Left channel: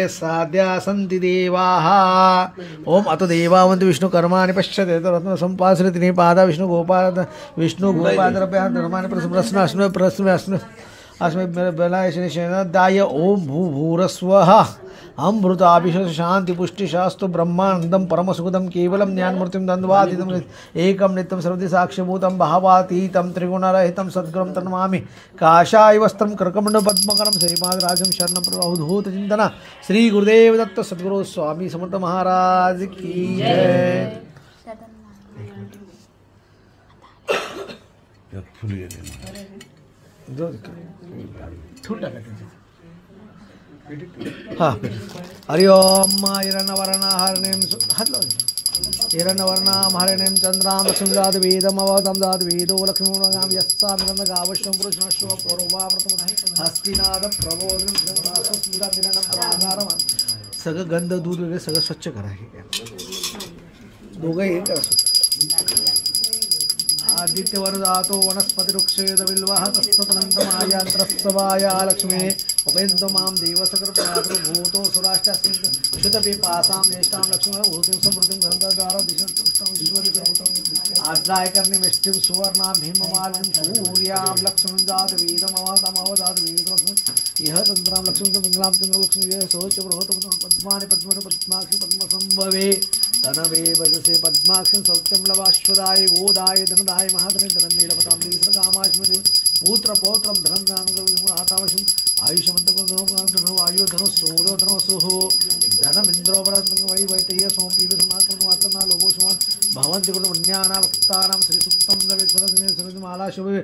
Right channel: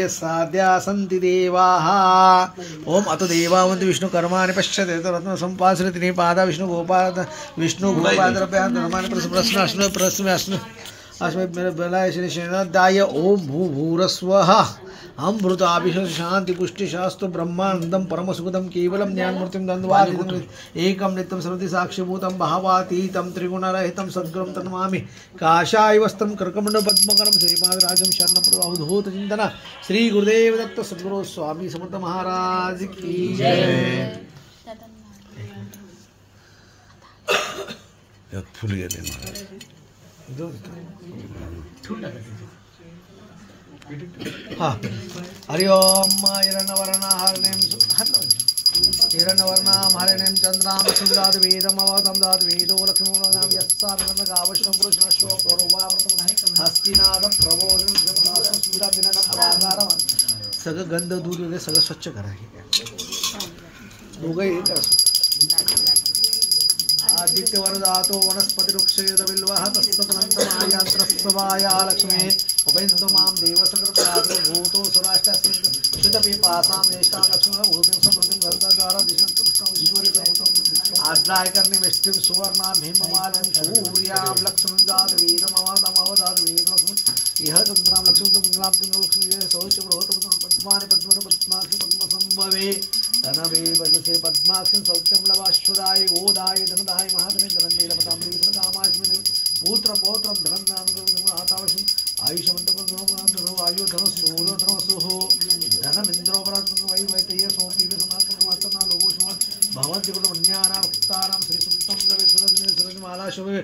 साध्या सन्ति देवाः ओम अतो देवावन्त विष्णु कर्माणि पश्यते रत्न संपाश्रितिनि पादा विष्णु गोपाद विष्णु गोपादरभ्यः कर्माणि प्रश्न अस्मै बलाय शनिशनादाय ओम भूभूरस्वः अमृताभिषेक शांति पुष्टि शास्त्र ब्रह्मानंदम परमसुखदम केवलम ज्ञानमूर्तिम द्वन्द्वातीतम एकम नित्यम सर्वति साक्षिभूतम भावातीतम त्रिगुणरहितम सद्गुरुं तन्नमामि काषाय वस्त्रं कर्कमंड पद्मकरं श्रीपादराजं शरणं प्रभुभूत चिंतन श्री गुरुदेव दत्त सद्गुरु स्वामी समर्थ महाराज की जय। हरि ओम हिरण्यवर्णां हरिणीं चंद्रां लक्ष्मीदाद वेदमवदं दाद वेदो लक्ष्मीनां यस्तां गन्धगावष्टं पुरुषमश्व पूर्वामृतं हस्तिनाद प्रबोधनं सुदापिनं प्राधारम सगळं गंध दूध वगैरे सगळं स्वच्छ करा। दोघं हे करा आदित्य वरदातो वनस्पति वृक्षेदविल्वः तस्ततनन्तमायान्त्रस्तवाय लक्ष्मी उपेन्द्र मां देवसकृतभूतो सुराष्टश्रुतपिपासां नेष्टां लक्ष्मी भूतिं समृद्धिं गन्धद्वारा दिशन्तुष्टम् आद्रायकर्णिमिष्टिं सुवर्णां भीममालं सूर्यां लक्ष्मीं जातवेदमवदमवदात् वेदलक्ष्मी इह चन्द्रां लक्ष्मीं मङ्गलां चन्द्रलक्ष्मी सौच्यबृहत् पद्मानि पद्मपद्माक्षि पद्मसंभवे धनवे वजसे पद्माक्षि सौत्यं लवाश्वदाय गोदाय धनदाय महाधने धननीलपताम्रीकामाश्मति पुत्र पौत्रं धनं धनमातावशम् आयुष्मन्तपद्मो वायु धनो सूर्यो धनो सुहो धनमिन्द्रोपरत्नं वायु वैतय सोमपीवसमात्मकमात्मना लोभो सोम भवन्ति कुटुम्न्यानां भक्तानां श्रीसुक्तं दवे सुरजने सुरजमाला शुभे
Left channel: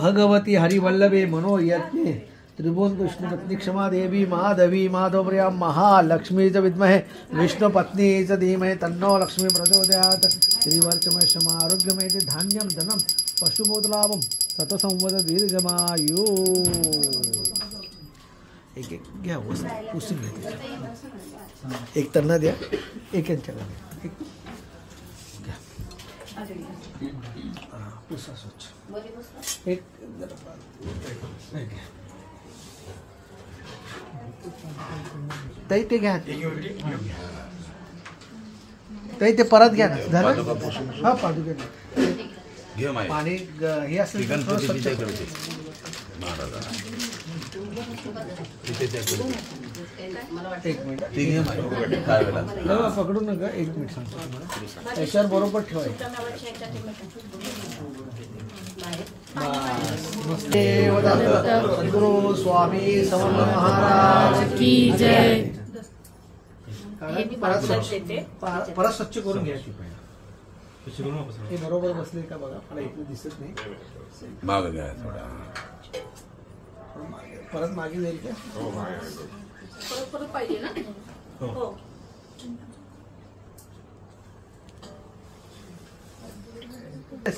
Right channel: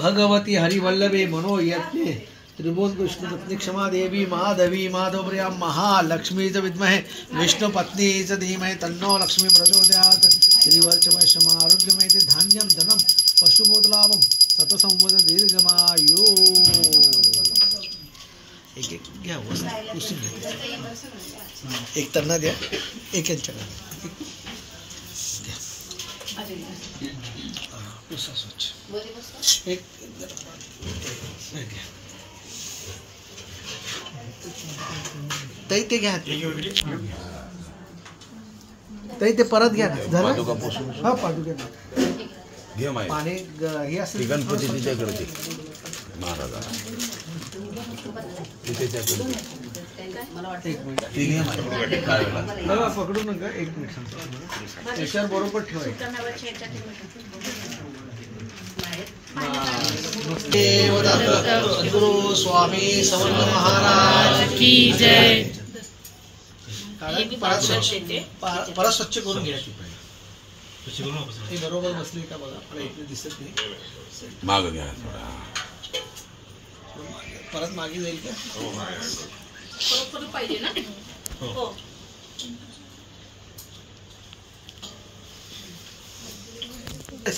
भगवती हरिवल्लभे मनोयत्ने त्रिभुवन विष्णु पत्नी क्षमा देवी माधवी माधवप्रिया महालक्ष्मी च विद्महे विष्णु पत्नी च धीमहि तन्नो लक्ष्मी प्रचोदयात् श्रीवर्चमय समारोग्यमय धान्यं धनं पशुबोधलाभं शतसंवद दीर्घमायु। एक एक घ्या पुसून घ्या एक त्यांना द्या एक यांच्याकडे पुसा स्वच्छ एक तरी ते घ्या तरी ते परत घ्या झालं हा पादुके पाणी हे असेल एक मिनिट पकडू नका एक मिनिट सांगतो त्याच्यावर बरोबर ठेवायचं। सद्गुरु स्वामी समर्थ महाराज की जय। परत स्वच्छ करून घ्या हे बरोबर बसले का बघा मला इकडे दिसत नाही मागे घ्या परत मागे जाईल का परत पाहिजे ना हो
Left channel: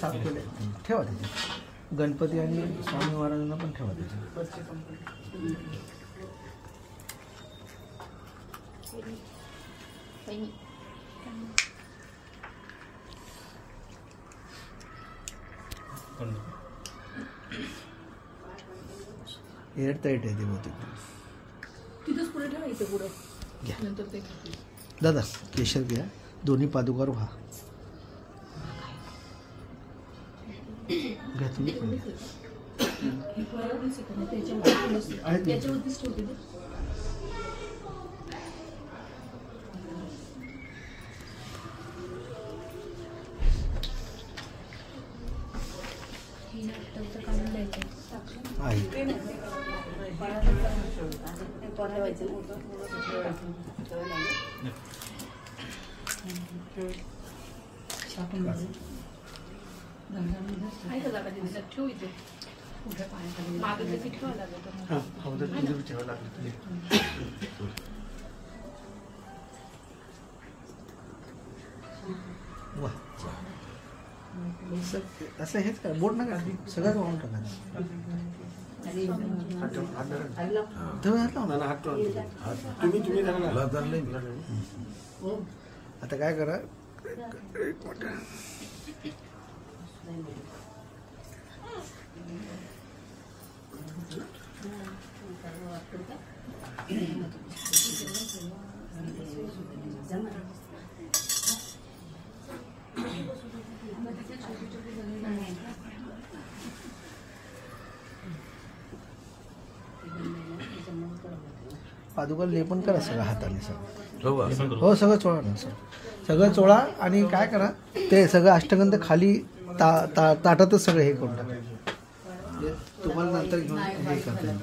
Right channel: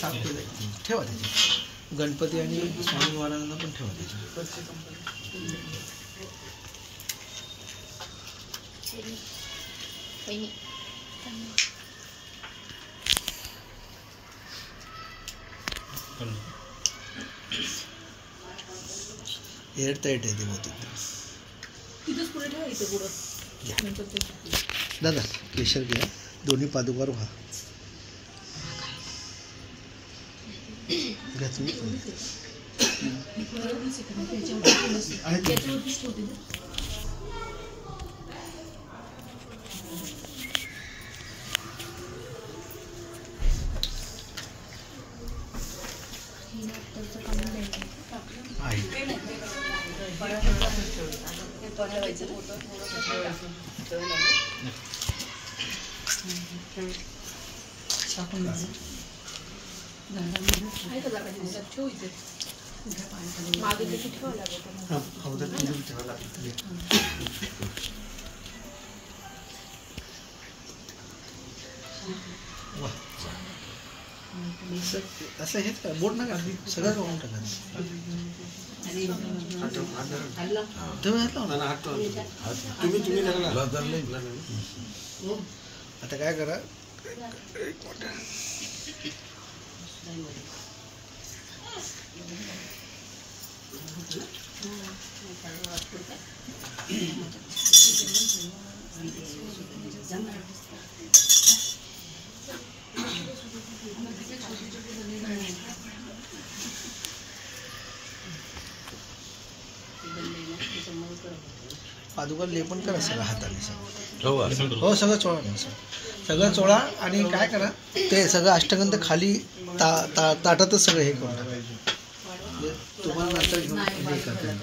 साफ केलं ठेवा त्याची गणपती आणि स्वामी महाराजांना पण ठेवा एअर टाईट आहे ते होते दादा केशर घ्या दोन्ही पादुकार व्हा असं हेच का बोट नका सगळं वाहून टाका आता काय करा पादुका लेपन करा सगळं हाताने सगळं. हो सगळं चोळा ना सगळं चोळा आणि काय करा ते सगळं अष्टगंध खाली ताटातच सगळं हे करून टाका. तुम्हाला नंतर घेऊन हे करता येईल.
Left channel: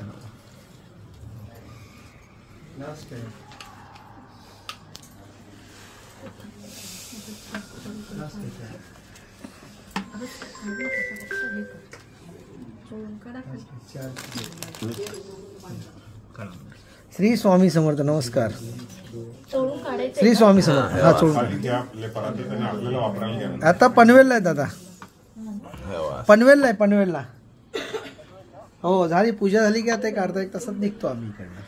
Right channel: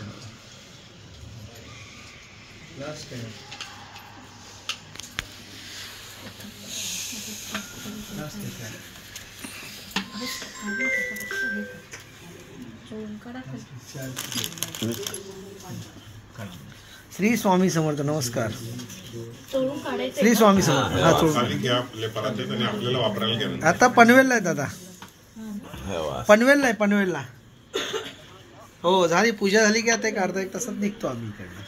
श्री स्वामी समर्थ. नमस्कार. श्री स्वामी समर्थ. हा चोळून आता पनवेलला आहे दादा. पनवेलला हो. झाली पूजा झाली की आता एक अर्धा एक तासात निघतो आम्ही इकडनं.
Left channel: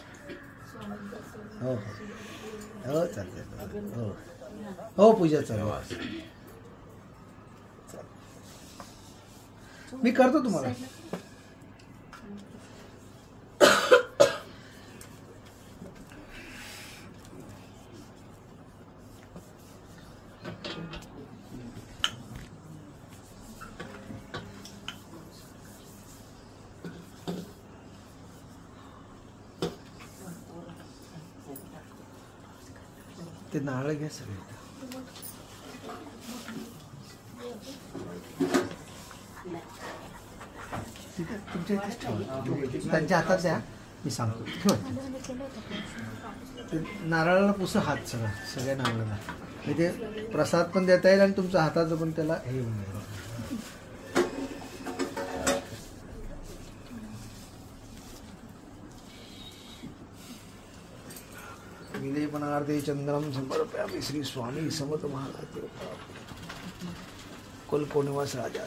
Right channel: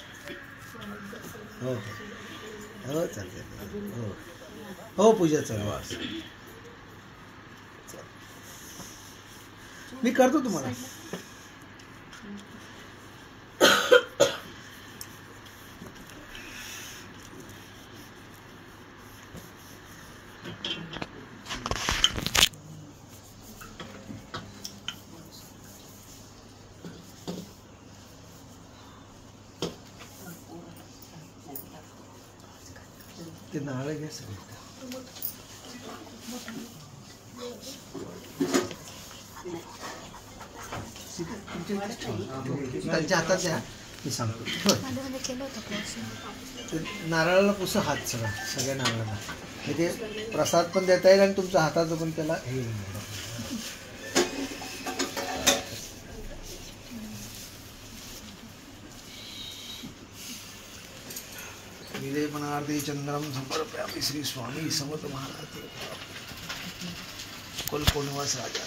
हो हो चालतंय. हो हो पूजा चालू. मी करतो तुम्हाला. ते नारळ घ्या सगळं. त्यांच्या हातात द्या मी सांगतो. नारळाला पुसं हात सगळ्या नारळाला. म्हणजे प्रसाद पण देता येईल आणि तुमच्या हाताचं पण त्याला हे. विलेपनार्थे चंद्रम समर्पयामि. श्री स्वामी समर्थ महाराज कुलकोनिवास राजा.